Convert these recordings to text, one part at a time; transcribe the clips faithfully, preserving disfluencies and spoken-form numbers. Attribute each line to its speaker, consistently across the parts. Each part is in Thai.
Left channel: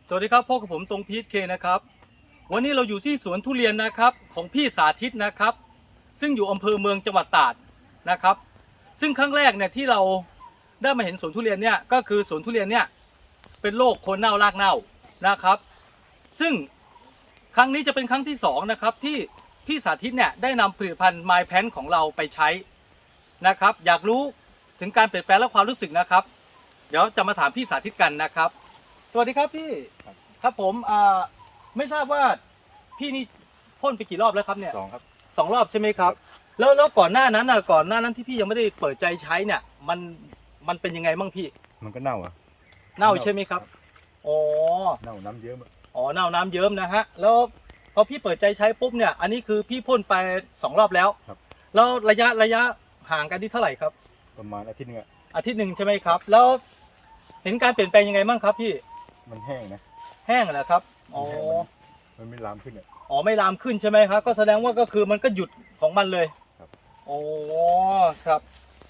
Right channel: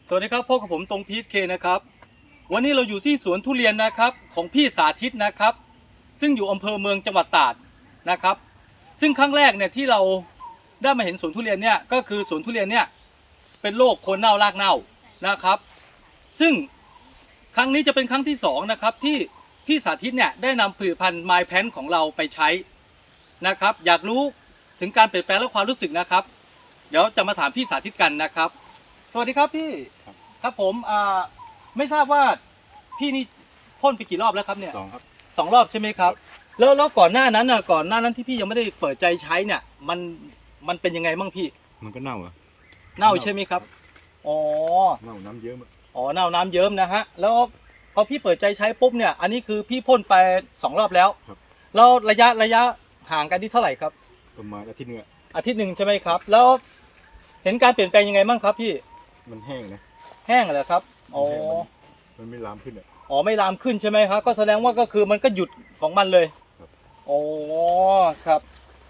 Speaker 1: สวัสดีครับพบกับผมตรงพีทเคนะครับวันนี้เราอยู่ที่สวนทุเรียนนะครับของพี่สาธิตนะครับซึ่งอยู่อำเภอเมืองจังหวัดตราดนะครับซึ่งครั้งแรกเนี่ยที่เราได้มาเห็นสวนทุเรียนเนี่ยก็คือสวนทุเรียนเนี่ยเป็นโรคโคนเน่ารากเน่านะครับซึ่งครั้งนี้จะเป็นครั้งที่สองนะครับที่พี่สาธิตเนี่ยได้นำผลิตภัณฑ์ไมล์แพนของเราไปใช้นะครับอยากรู้ถึงการเปลี่ยนแปลงและความรู้สึกนะครับเดี๋ยวจะมาถามพี่สาธิตกันนะครับสวัสดีครับพี่ครับผมอ่าไม่ทราบว่าพี่นี่พ่นไปกี่รอบแล้วครับเนี่ย
Speaker 2: สองครับ
Speaker 1: สองรอบใช่ไหมครับแล้วแล้วก่อนหน้านั้นน่ะก่อนหน้านั้นที่พี่ยังไม่ได้เปิดใจใช้เนี่ยมันมันเป็นยังไงบ้างพี่
Speaker 2: มันก็เน่าอ่ะ
Speaker 1: เน่าใช่ไหมครับอ๋อ
Speaker 2: เน่าน้ำเยิ้ม
Speaker 1: อ๋อเน่าน้ำเยิ้มนะฮะแล้วพอพี่เปิดใจใช้ปุ๊บเนี่ยอันนี้คือพี่พ่นไปสองรอบแล้ว
Speaker 2: ครับ
Speaker 1: แล้วระยะระยะห่างกันที่เท่าไหร่ครับ
Speaker 2: ประมาณอาทิตย์นึง
Speaker 1: อาทิตย์หนึ่งใช่ไหมครับแล้วเห็นการเปลี่ยนแปลงยังไงบ้างครับพี่
Speaker 2: มันแห้งนะ
Speaker 1: แห้งเหรอครับอ๋อ
Speaker 2: มันไม่ลามขึ้นอ่ะ
Speaker 1: อ๋อไม่ลามขึ้นใช่ไหมครับก็แสดงว่าก็คือมันก็หยุดของมันเลย
Speaker 2: ครับ
Speaker 1: โอ้ครับ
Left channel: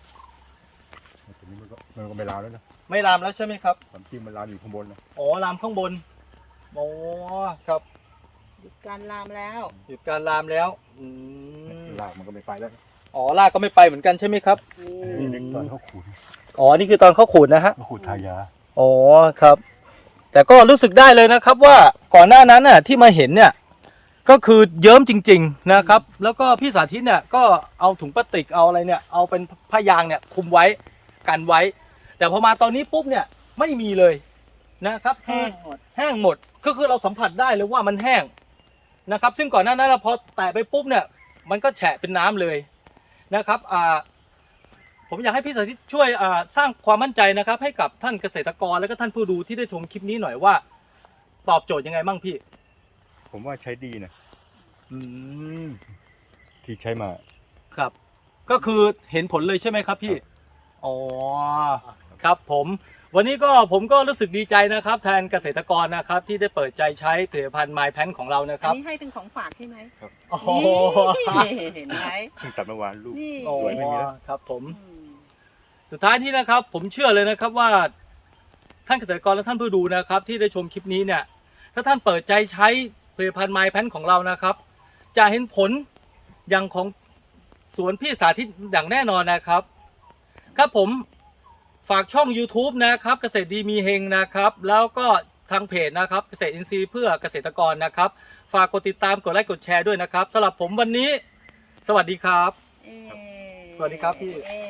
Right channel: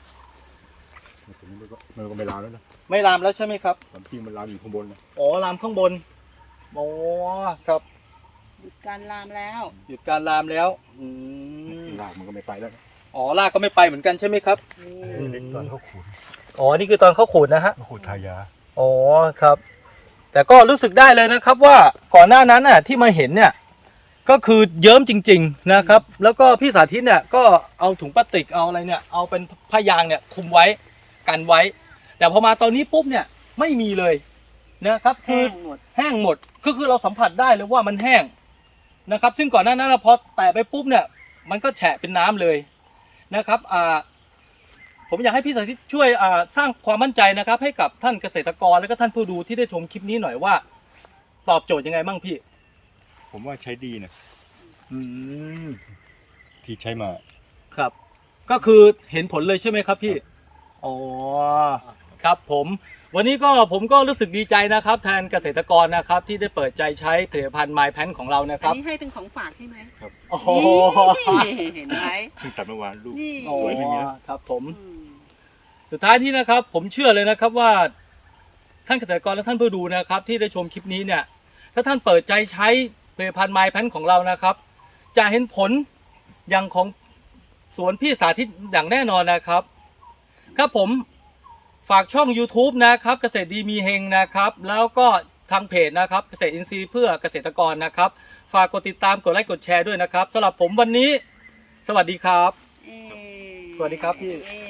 Speaker 2: มันก็ไม่ลามแล้วนะ
Speaker 1: ไม่ลามแล้วใช่ไหมครับ
Speaker 2: ความจริงมันลามอยู่ข้างบนนะ
Speaker 1: อ๋อลามข้างบนโอ้ครับ
Speaker 3: หยุดการลามแล้ว
Speaker 1: หยุดการลามแล้วอืม
Speaker 2: รากมันก็ไม่ไปแล้ว
Speaker 1: อ๋อรากก็ไม่ไปเหมือนกันใช่ไหมครับ
Speaker 2: นี่นึกตอนเขาขูด
Speaker 1: อ๋อนี่คือตอนเขาขูดนะฮะ
Speaker 2: ขูดทายา
Speaker 1: อ๋อครับแต่ก็รู้สึกได้เลยนะครับว่าก่อนหน้านั้นน่ะที่มาเห็นเนี่ยก็คือเยิ้มจริงๆนะครับแล้วก็พี่สาธิตเนี่ยก็เอาถุงพลาสติกเอาอะไรเนี่ยเอาเป็นผ้ายางเนี่ยคุมไว้กันไว้แต่พอมาตอนนี้ปุ๊บเนี่ยไม่มีเลยนะครับคือ
Speaker 3: แห้งหมด
Speaker 1: แห้งหมดก็คือเราสัมผัสได้เลยว่ามันแห้งนะครับซึ่งก่อนหน้านั้นพอแตะไปปุ๊บเนี่ยมันก็แฉะเป็นน้ำเลยนะครับอ่าผมอยากให้พี่สาธิตช่วยอ่าสร้างความมั่นใจนะครับให้กับท่านเกษตรกรและก็ท่านผู้ดูที่ได้ชมคลิปนี้หน่อยว่าตอบโจทย์ยังไงบ้างพี่
Speaker 2: ผมว่าใช้ดีนะ
Speaker 1: อืม
Speaker 2: ที่ใช้มา
Speaker 1: ครับก็คือเห็นผลเลยใช่ไหมครับพี่อ๋อครับผมวันนี้ก็ผมก็รู้สึกดีใจนะครับแทนเกษตรกรนะครับที่ได้เปิดใจใช้ผลิตภัณฑ์ไมล์แพนของเรานะค
Speaker 3: อั
Speaker 1: รับ
Speaker 3: นนี้ให้เป็นของฝากใช่ไหม
Speaker 2: ครับ
Speaker 1: โอ้โห
Speaker 3: เห็นไหม
Speaker 2: เพิ่งตัดเมื่อวานลูก
Speaker 1: สวยไม่มีแล้วครับผมสุดท้ายที่นะครับผมเชื่อเลยนะครับว่าท่านเกษตรกรและท่านผู้ดูนะครับที่ได้ชมคลิปนี้เนี่ยถ้าท่านเปิดใจใช้ผลิตภัณฑ์ไมล์แพนของเรานะครับจะเห็นผลอย่างของสวนพี่สาธิตอย่างแน่นอนนะครับครับผมฝากช่อง ยูทูบ นะครับเกษตรดีมีเฮงนะครับแล้วก็ทางเพจนะครับเกษตรอินทรีย์เพื่อเกษตรกรนะครับฝากกดติดตามกดไลค์กดแชร์ด้วยนะครับสำหรับผมวันนี้สวัสดีครับสวัสดีครับพี่